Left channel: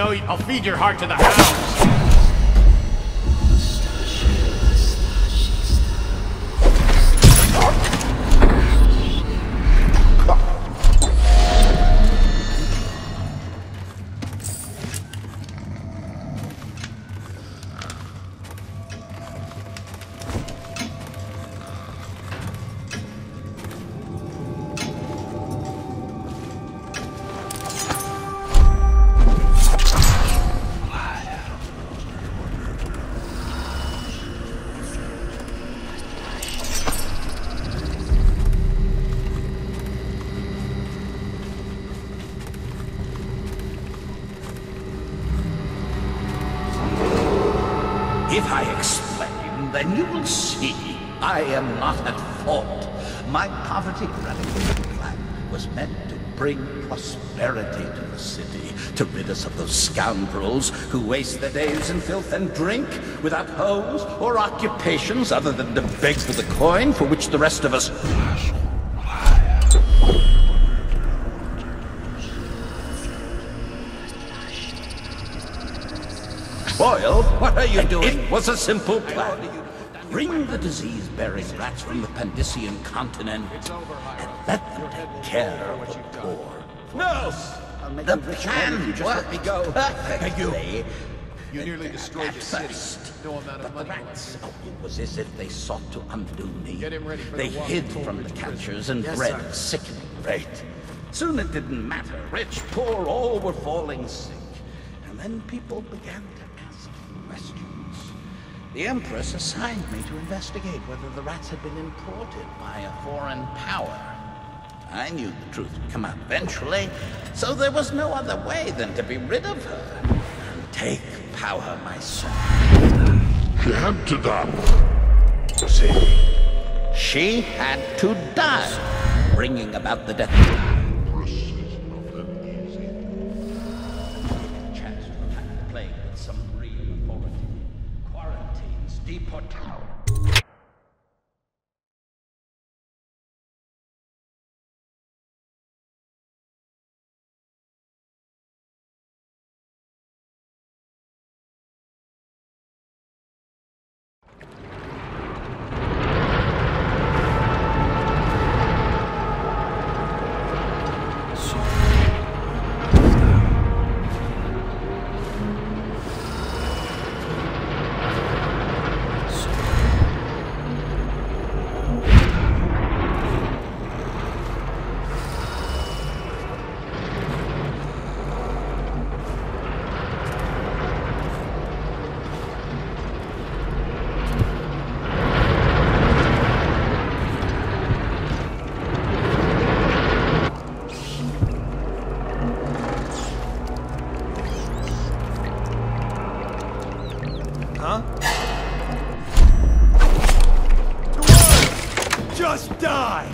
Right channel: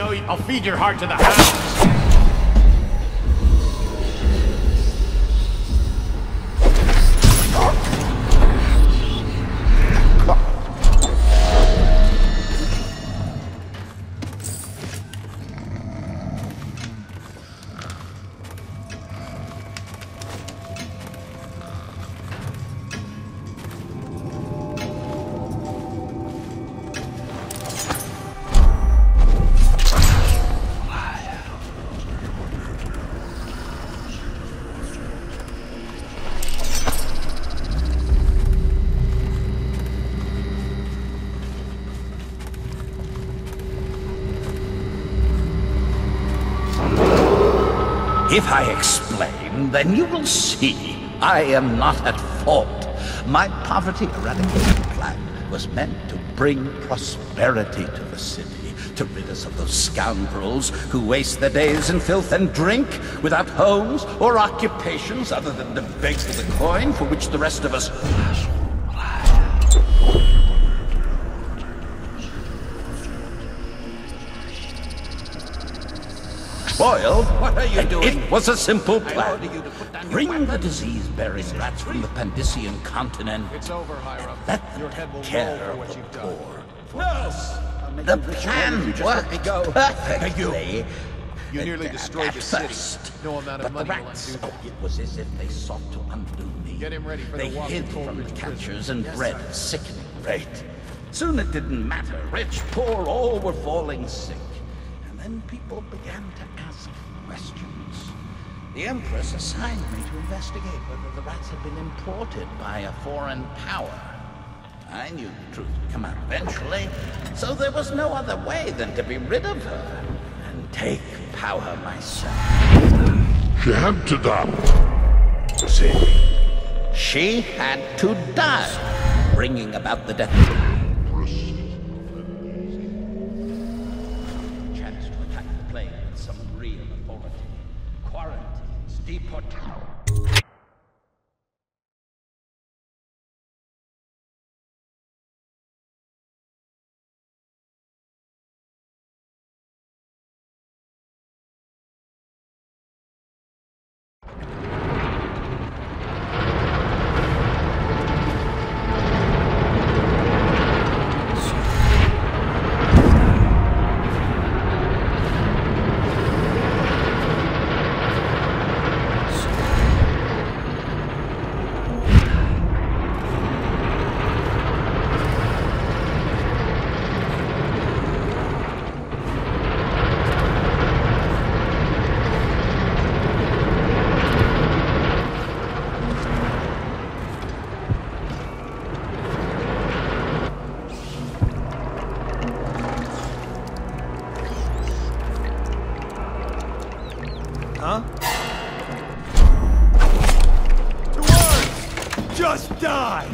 know I'll feed your heart to the hounds. If I explain, then you will see I am not at fault. My poverty eradication plan was meant to bring prosperity to the city, to rid us of those scoundrels who waste their days in filth and drink without homes or occupations other than to beg for the coin for which the rest of us... Boyle, what are you doing? It was a simple plan. Bring the disease-bearing rats from the Pandician continent. It's over, Hiram. Your head will roll for what you've done. No! The plan worked perfectly. You nearly destroyed the city. No amount of But the money will rats, undo it was as if they sought to undo me. Get him ready for they the walk hid to from Coleridge prison. catchers and Yes, bred sir. sick faith. Soon it didn't matter. Rich, poor, all were falling sick. And then people began to ask questions. The Empress assigned me to investigate whether the rats had been imported by a foreign power. I knew the truth would come out eventually, so there was no other way than to be rid of her and take power myself. She had to die. She had to die, bringing about the death of man. Real authority, quarantines. Huh? To arms! Just die!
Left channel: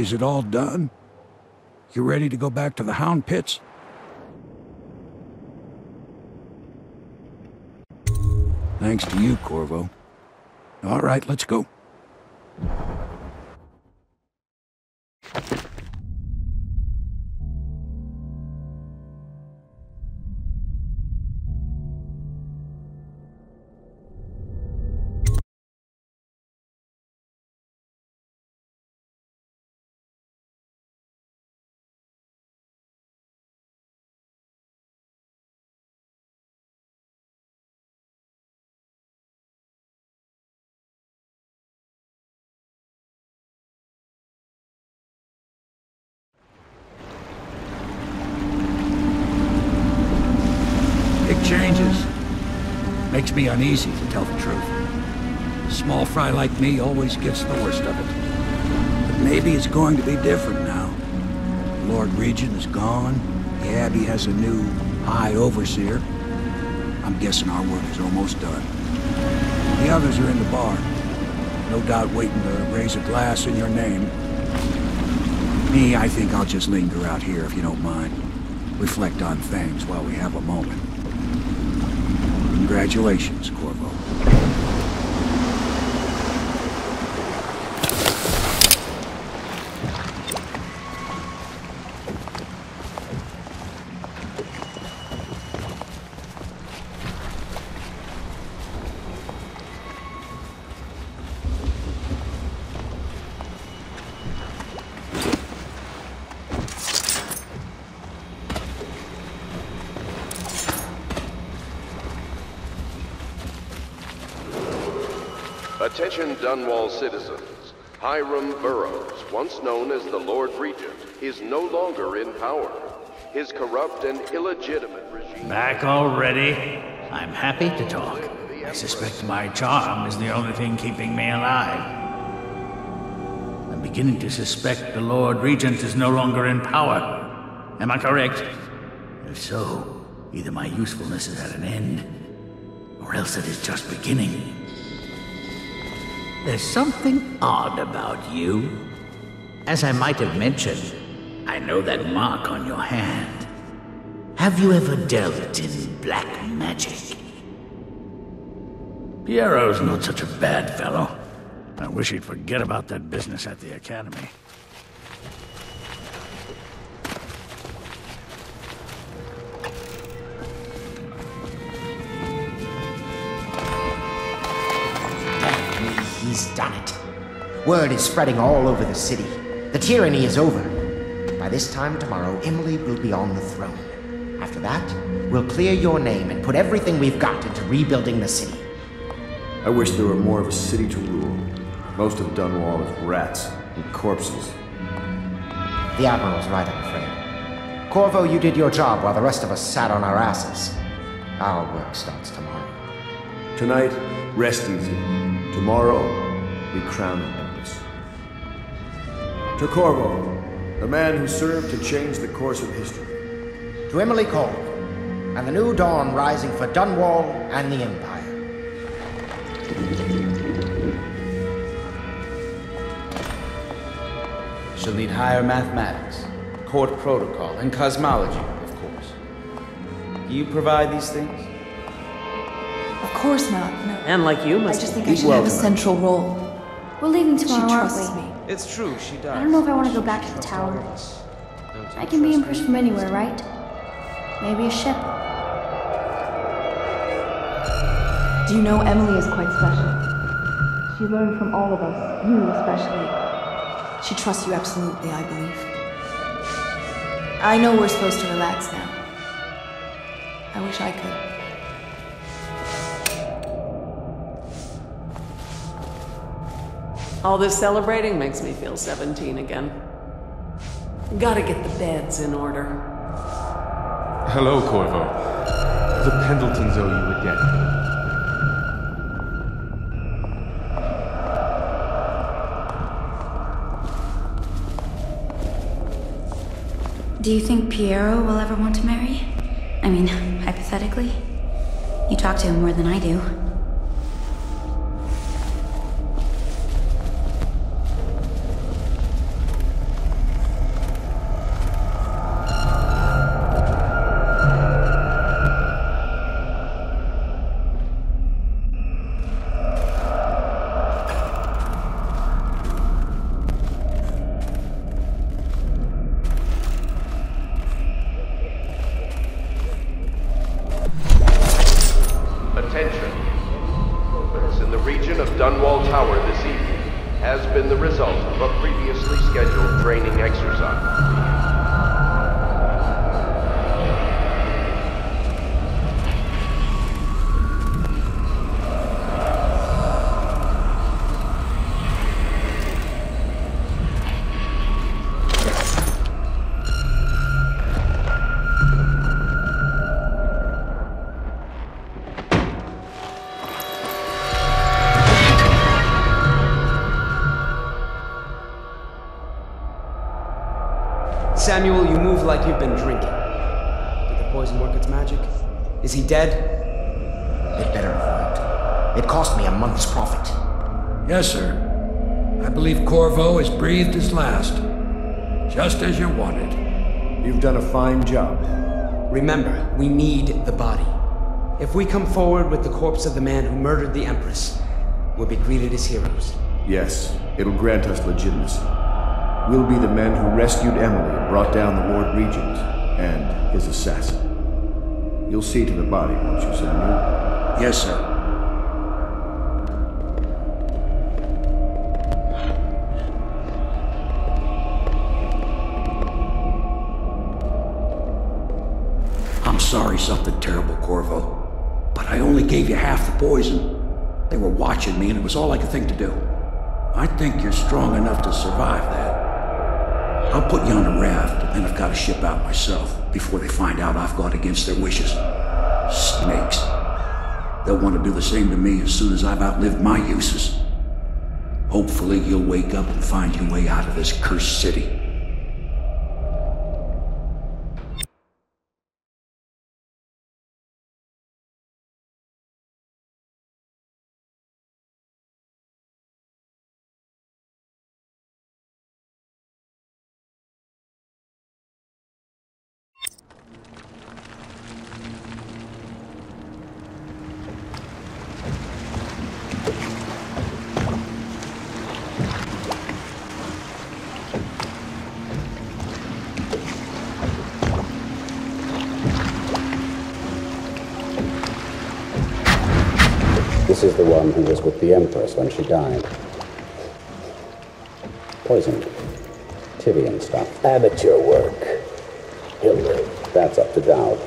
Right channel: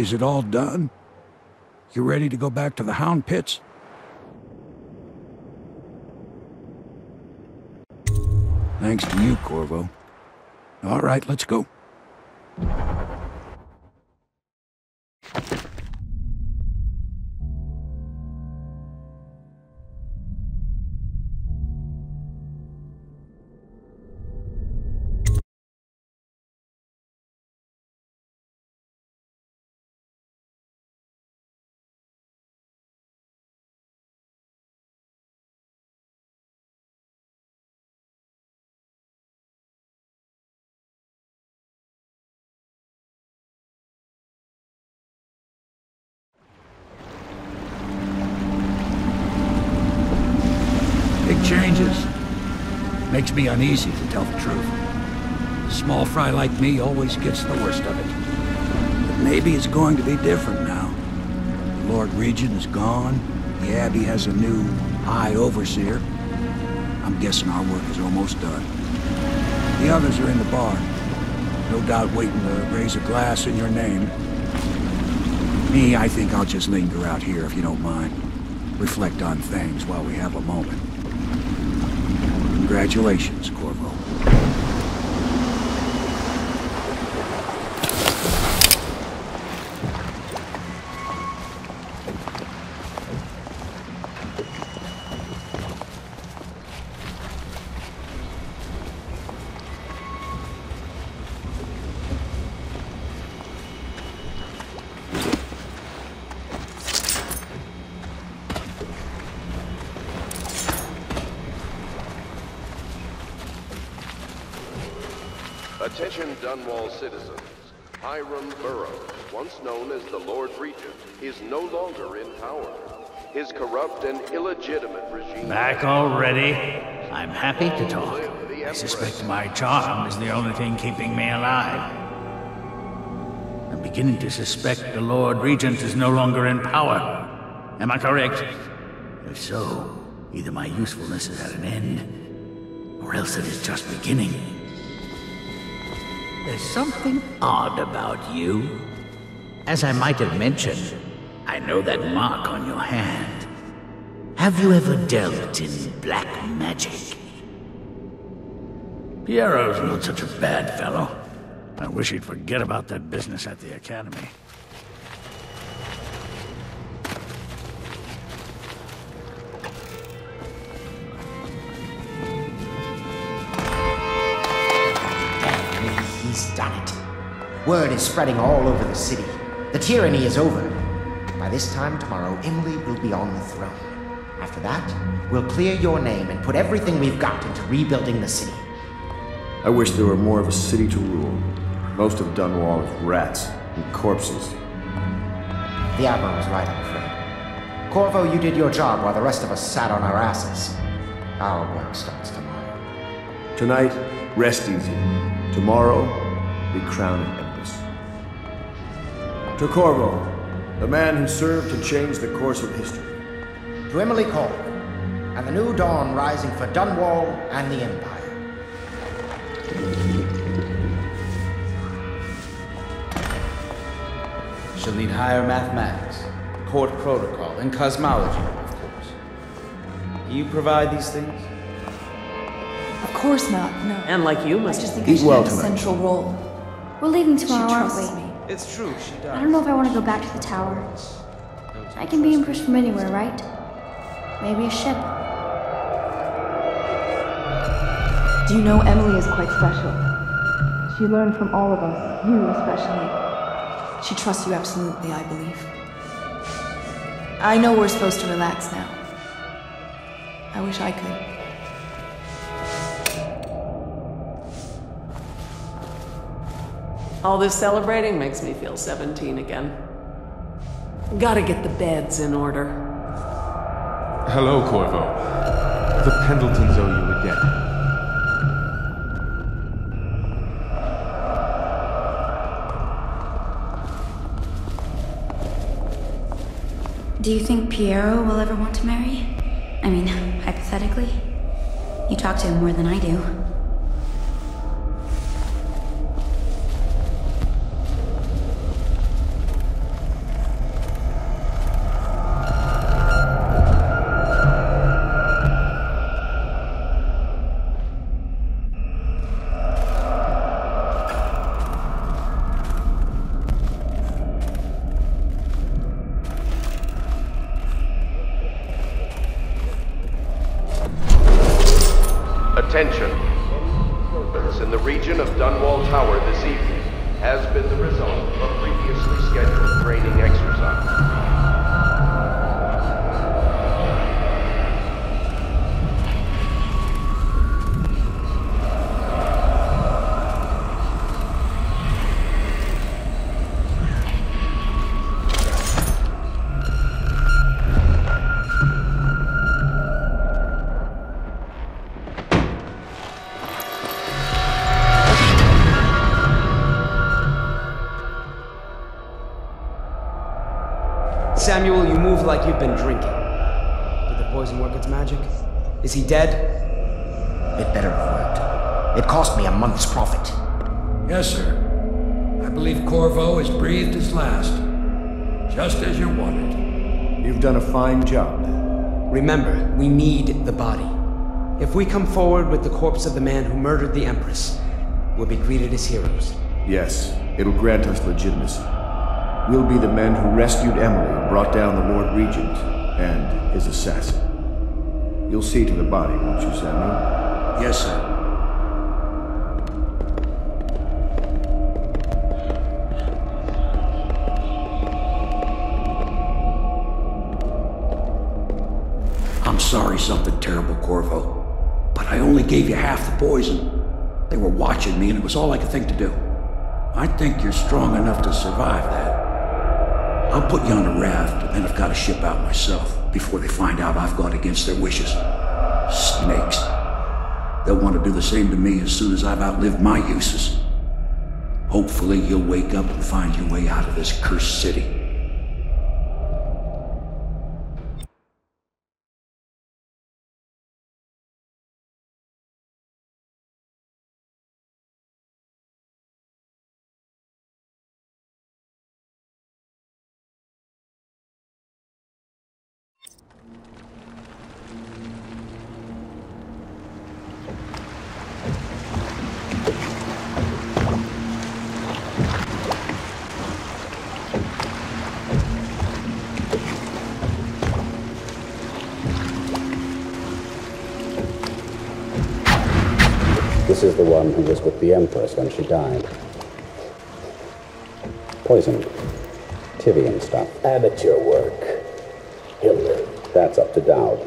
Is it all done? You ready to go back to the Hound Pits? Thanks to you, Corvo. All right, let's go. Big changes. Makes me uneasy, to tell the truth. A small fry like me always gets the worst of it. But maybe it's going to be different now. The Lord Regent is gone. The Abbey has a new High Overseer. I'm guessing our work is almost done. The others are in the bar. No doubt waiting to raise a glass in your name. Me, I think I'll just linger out here if you don't mind. Reflect on things while we have a moment. Congratulations, Corvo. Attention Dunwall citizens. Hiram Burroughs, once known as the Lord Regent, is no longer in power. His corrupt and illegitimate... Back already? I'm happy to talk. I suspect my charm is the only thing keeping me alive. I'm beginning to suspect the Lord Regent is no longer in power. Am I correct? If so, either my usefulness is at an end, or else it is just beginning. There's something odd about you. As I might have mentioned, I know that mark on your hand. Have you ever dealt in black magic? Piero's not such a bad fellow. I wish he'd forget about that business at the academy. He's done it. Word is spreading all over the city. The tyranny is over. By this time tomorrow, Emily will be on the throne. After that, we'll clear your name and put everything we've got into rebuilding the city. I wish there were more of a city to rule. Most of Dunwall is rats and corpses. The Admiral's right, I'm afraid. Corvo, you did your job while the rest of us sat on our asses. Our work starts tomorrow. Tonight, rest easy. Tomorrow, we crown an empress. To Corvo, the man who served to change the course of history. To Emily Cole, and the new dawn rising for Dunwall and the Empire. She'll need higher mathematics, court protocol, and cosmology, of course. Do you provide these things? Of course not, no. I just think I should have a central role. We're leaving tomorrow, aren't we? It's true. I don't know if I want to go back to the tower. I can be Empress from anywhere, right? Maybe a ship. Do you know Emily is quite special? She learned from all of us, you especially. She trusts you absolutely, I believe. I know we're supposed to relax now. I wish I could. All this celebrating makes me feel 17 again. Gotta get the beds in order. Hello, Corvo. The Pendletons owe you a debt. Do you think Piero will ever want to marry? I mean, hypothetically. You talk to him more than I do. Attention. Movements in the region of Dunwall Tower this evening has been the result of a previously scheduled training exercise. Samuel, you move like you've been drinking. Did the poison work its magic? Is he dead? It better have worked. It cost me a month's profit. Yes, sir. I believe Corvo has breathed his last. Just as you wanted. You've done a fine job. Remember, we need the body. If we come forward with the corpse of the man who murdered the Empress, we'll be greeted as heroes. Yes, it'll grant us legitimacy. We'll be the men who rescued Emily and brought down the Lord Regent and his assassin. You'll see to the body, won't you, Samuel? Yes, sir. I'm sorry something terrible, Corvo, but I only gave you half the poison. They were watching me and it was all I could think to do. I think you're strong enough to survive that. I'll put you on a raft, and then I've got to ship out myself before they find out I've gone against their wishes. Snakes. They'll want to do the same to me as soon as I've outlived my uses. Hopefully you'll wake up and find your way out of this cursed city. This is the one who was with the Empress when she died. Poisoned. Tivian stuff. Amateur work. He'll live. That's up to Dowd.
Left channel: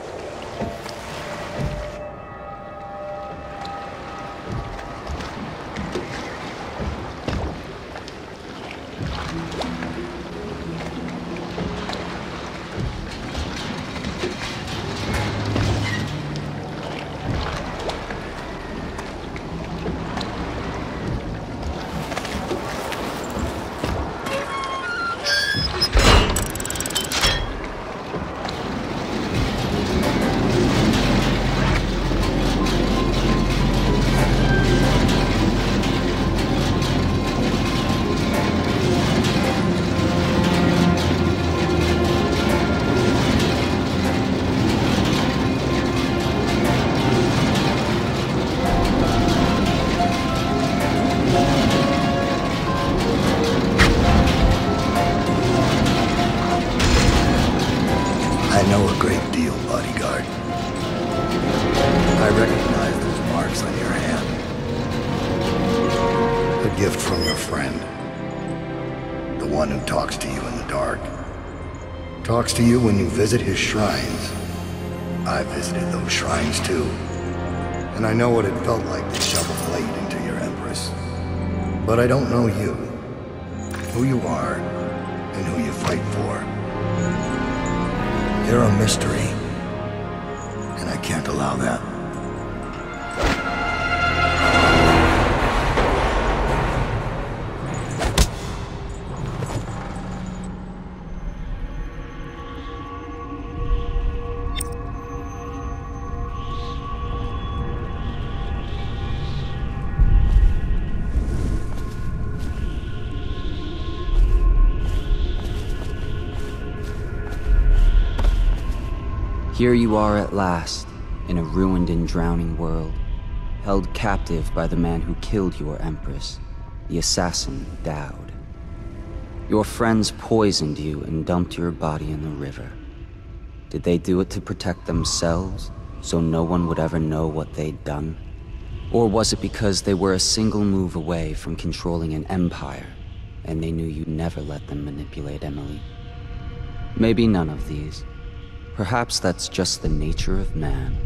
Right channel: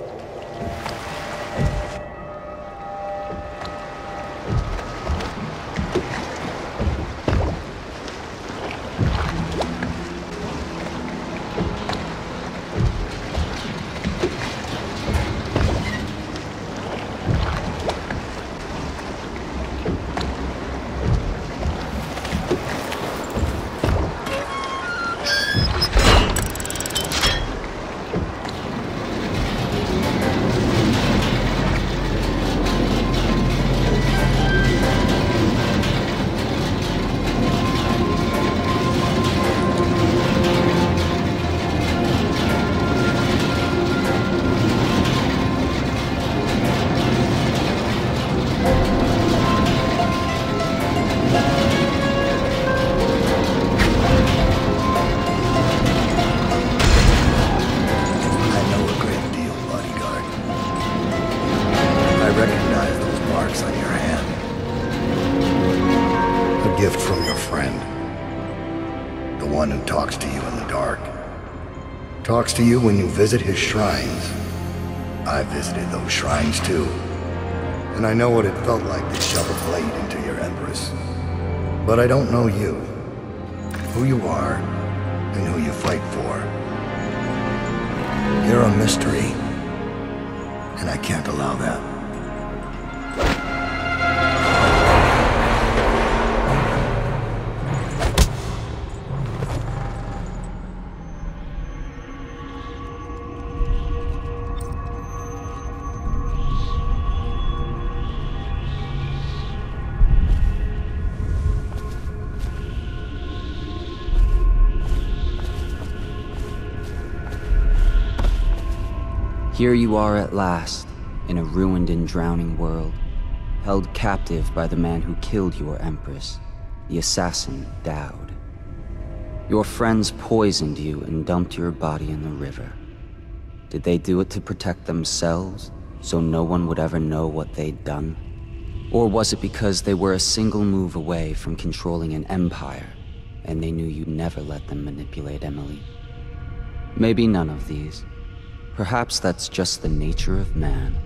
Talks to you when you visit his shrines. I visited those shrines too. And I know what it felt like to shove a blade into your Empress. But I don't know you. Who you are, and who you fight for. You're a mystery. And I can't allow that. Here you are at last, in a ruined and drowning world, held captive by the man who killed your Empress, the assassin Dowd. Your friends poisoned you and dumped your body in the river. Did they do it to protect themselves, so no one would ever know what they'd done? Or was it because they were a single move away from controlling an empire, and they knew you'd never let them manipulate Emily? Maybe none of these. Perhaps that's just the nature of man.